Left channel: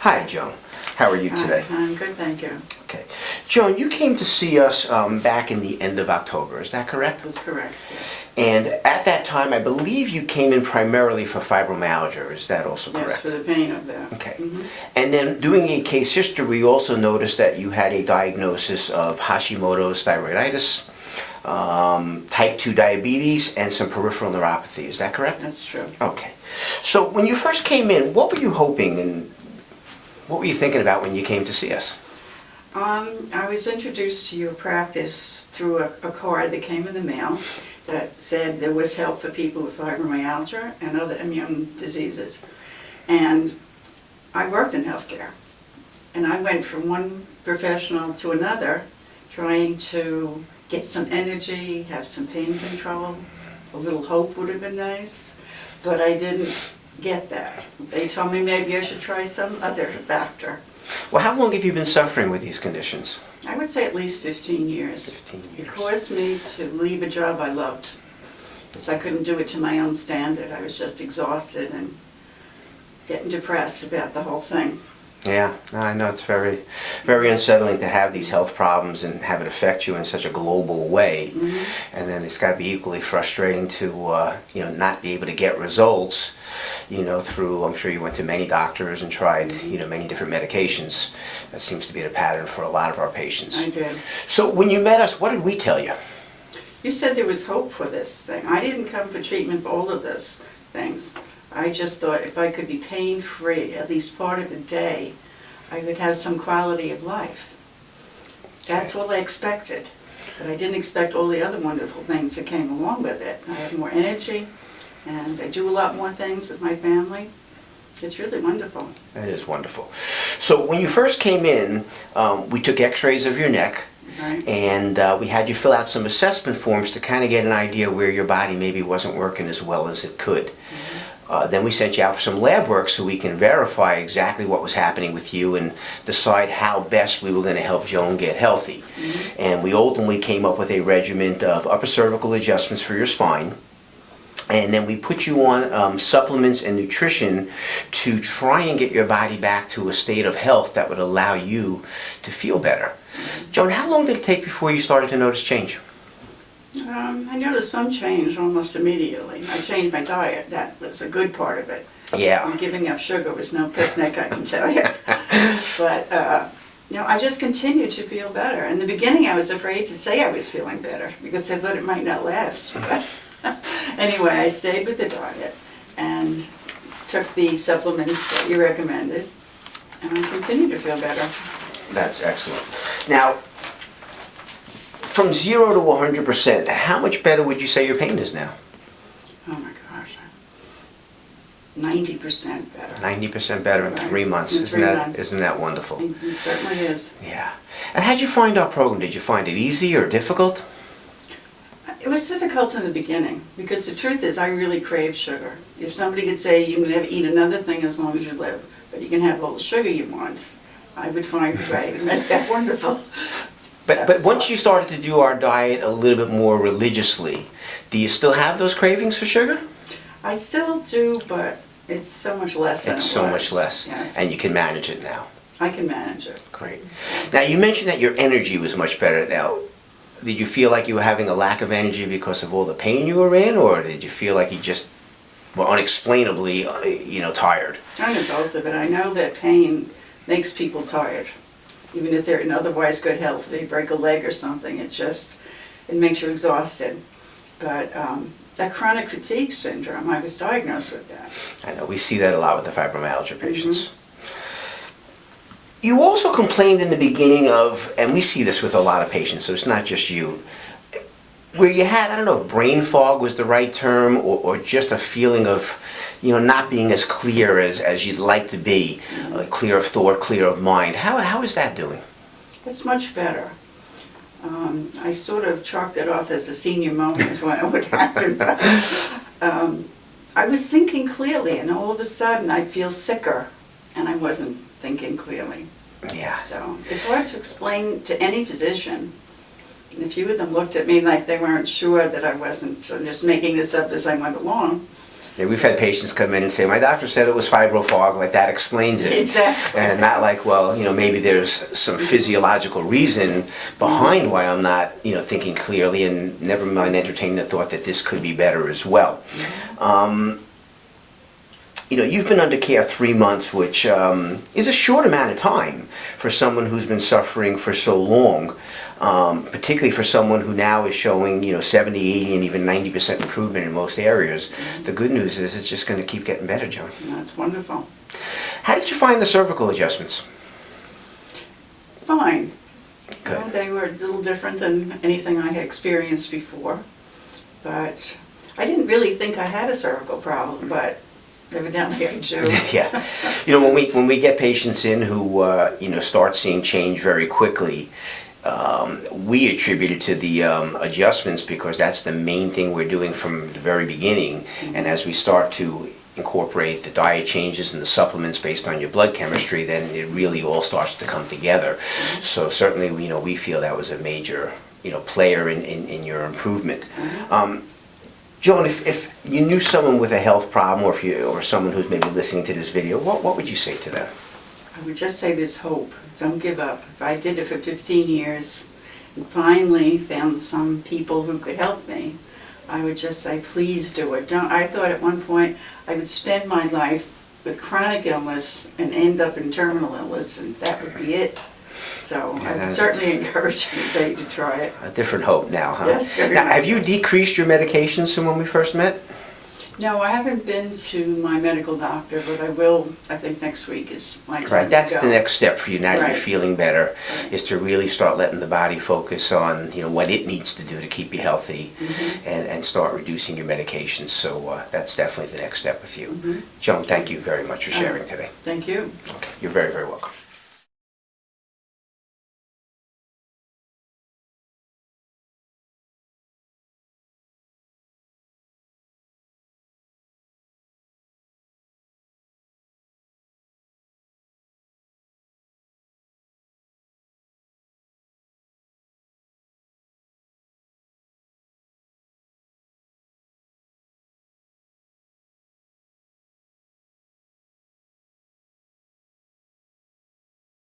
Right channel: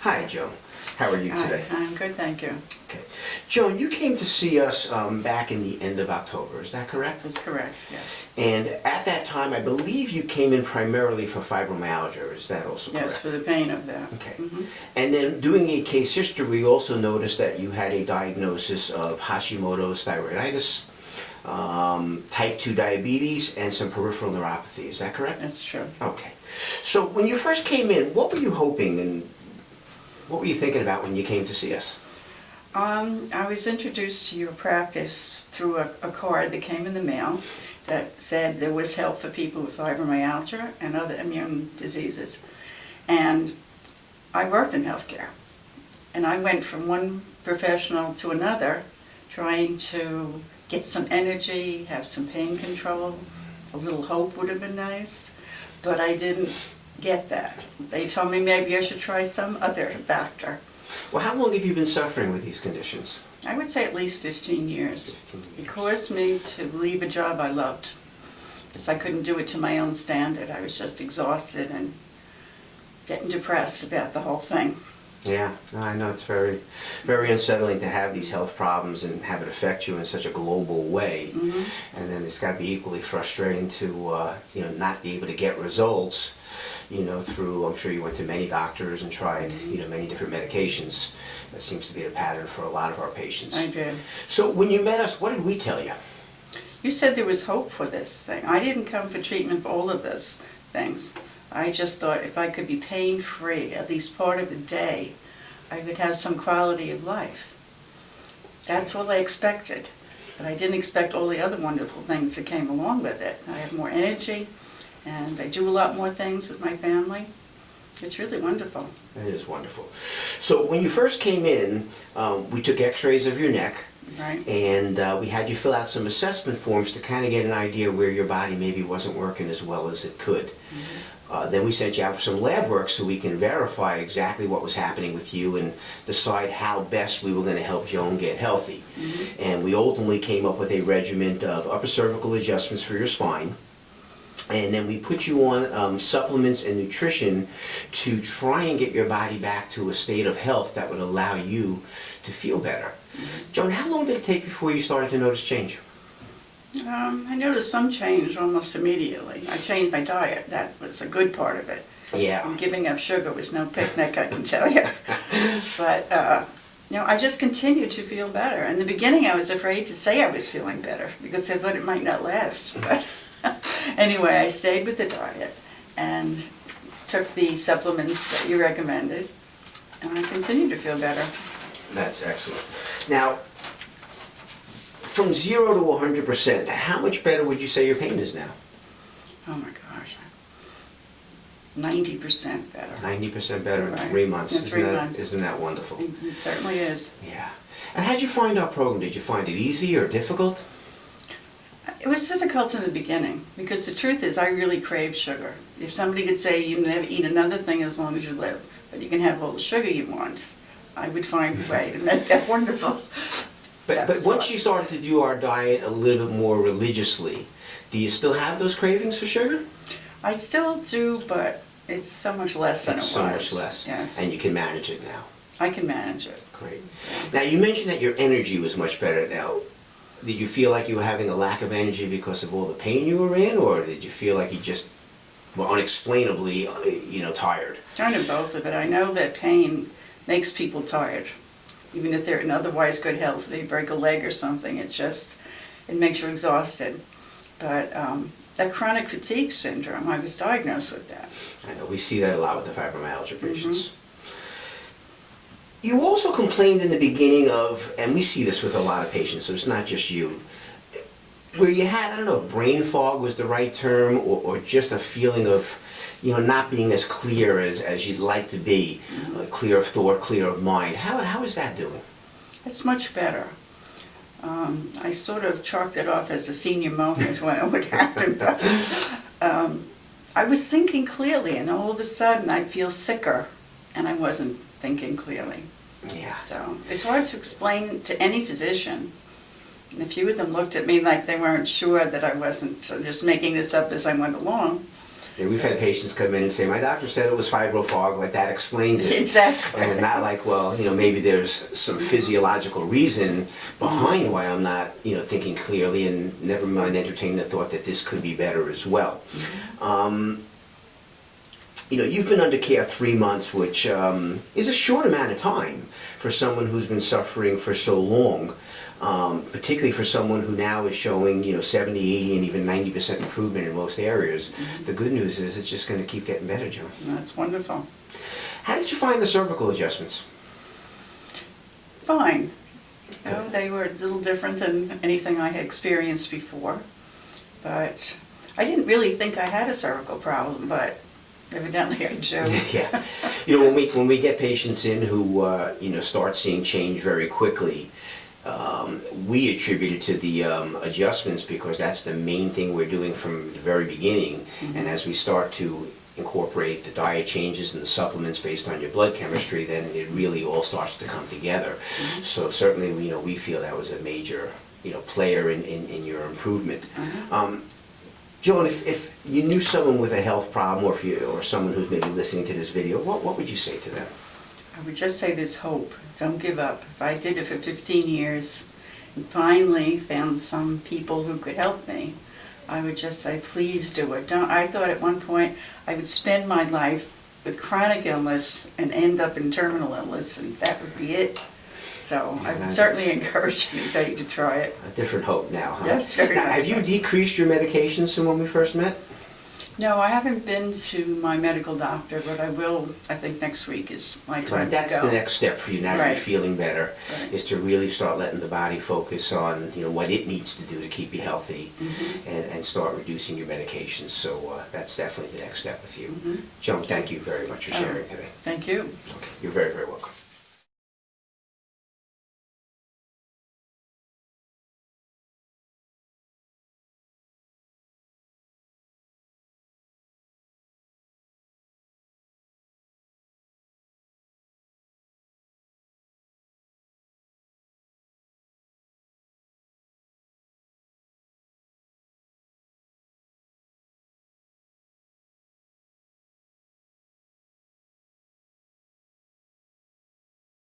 Hi, Joan. How are you today? Hi, I'm good, thank you. Okay. Joan, you came to see us back in the end of October, is that correct? That's correct, yes. And at that time, I believe you came in primarily for fibromyalgia, is that also correct? Yes, for the pain of that. Okay. Mm-hmm. And then doing a case history, we also noticed that you had a diagnosis of Hashimoto's thyroiditis, type 2 diabetes, and some peripheral neuropathy, is that correct? That's true. Okay. So when you first came in, what were you hoping and what were you thinking about when you came to see us? I was introduced to your practice through a card that came in the mail that said there was help for people with fibromyalgia and other immune diseases. And I worked in healthcare. And I went from one professional to another trying to get some energy, have some pain control. A little hope would have been nice, but I didn't get that. They told me maybe I should try some other doctor. Well, how long have you been suffering with these conditions? I would say at least 15 years. 15 years. It caused me to leave a job I loved because I couldn't do it to my own standard. I was just exhausted and getting depressed about the whole thing. Yeah, I know it's very, very unsettling to have these health problems and have it affect you in such a global way. Mm-hmm. And then it's got to be equally frustrating to, not be able to get results, through, I'm sure you went to many doctors and tried, many different medications. That seems to be the pattern for a lot of our patients. I did. So when you met us, what did we tell you? You said there was hope for this thing. I didn't come for treatment for all of those things. I just thought if I could be pain-free at least part of the day, I would have some quality of life. That's all I expected. But I didn't expect all the other wonderful things that came along with it. I have more energy, and I do a lot more things with my family. It's really wonderful. It is wonderful. So when you first came in, we took x-rays of your neck. Right. And we had you fill out some assessment forms to kind of get an idea where your body maybe wasn't working as well as it could. Mm-hmm. Then we sent you out for some lab work so we can verify exactly what was happening with you and decide how best we were going to help Joan get healthy. Mm-hmm. And we ultimately came up with a regimen of upper cervical adjustments for your spine. And then we put you on supplements and nutrition to try and get your body back to a state of health that would allow you to feel better. Mm-hmm. Joan, how long did it take before you started to notice change? I noticed some change almost immediately. I changed my diet. That was a good part of it. Yeah. Giving up sugar was no picnic, I can tell you. But, I just continued to feel better. In the beginning, I was afraid to say I was feeling better because I thought it might not last. But anyway, I stayed with the diet and took the supplements that you recommended, and I continue to feel better. That's excellent. Now, from 0 to 100%, how much better would you say your pain is now? Oh my gosh, 90% better. 90% better in Right. 3 months. In 3 months. Isn't that wonderful? It certainly is. Yeah. And how'd you find our program? Did you find it easy or difficult? It was difficult in the beginning because the truth is I really crave sugar. If somebody could say you can never eat another thing as long as you live, but you can have all the sugar you want, I would find a way to make that wonderful. But once you started to do our diet a little bit more religiously, do you still have those cravings for sugar? I still do, but it's so much less than it was. It's so much less. Yes. And you can manage it now. I can manage it. Great. Now, you mentioned that your energy was much better now. Did you feel like you were having a lack of energy because of all the pain you were in, or did you feel like you just were unexplainably, tired? Kind of both of it. I know that pain makes people tired. Even if they're in otherwise good health, they break a leg or something, it makes you exhausted. But that chronic fatigue syndrome, I was diagnosed with that. I know, we see that a lot with the fibromyalgia patients. Mm-hmm. You also complained in the beginning of, and we see this with a lot of patients, so it's not just you, where you had, I don't know, brain fog was the right term, or just a feeling of, not being as clear as you'd like to be, clear of thought, clear of mind. How is that doing? It's much better. I sort of chalked it off as a senior moment when it would happen. I was thinking clearly, and all of a sudden I'd feel sicker, and I wasn't thinking clearly. Yeah. So it's hard to explain to any physician. And a few of them looked at me like they weren't sure that I wasn't just making this up as I went along. Yeah, we've had patients come in and say, my doctor said it was fibrofog, like that explains it. Exactly. And not like, well, maybe there's some physiological reason behind why I'm not, thinking clearly, and never mind entertaining the thought that this could be better as well. You've been under care 3 months, which is a short amount of time for someone who's been suffering for so long, particularly for someone who now is showing, 70, 80, and even 90% improvement in most areas. The good news is it's just going to keep getting better, Joan. That's wonderful. How did you find the cervical adjustments? Fine. Good. They were a little different than anything I had experienced before, but I didn't really think I had a cervical problem, but evidently I do. Yeah. When we get patients in who, start seeing change very quickly, we attribute it to the adjustments, because that's the main thing we're doing from the very beginning. And as we start to incorporate the diet changes and the supplements based on your blood chemistry, then it really all starts to come together. So certainly, we feel that was a major, player in your improvement. Joan, if you knew someone with a health problem, or someone who's maybe listening to this video, what would you say to them? I would just say there's hope. Don't give up. If I did it for 15 years and finally found some people who could help me, I would just say, please do it. I thought at one point I would spend my life with chronic illness and end up in terminal illness, and that would be it. So I would certainly encourage anybody to try it. A different hope now, huh? Yes, very Now, much have you so. decreased your medications from when we first met? No, I haven't been to my medical doctor, but I will. I think next week is my time Right, that's to go. the next step for you now that Right. you're feeling better, Right. is to really start letting the body focus on, what it needs to do to keep you healthy, and start reducing your medications. So that's definitely the next step with you. Joan, thank you very much for sharing today. Thank you. Okay, you're very, very welcome.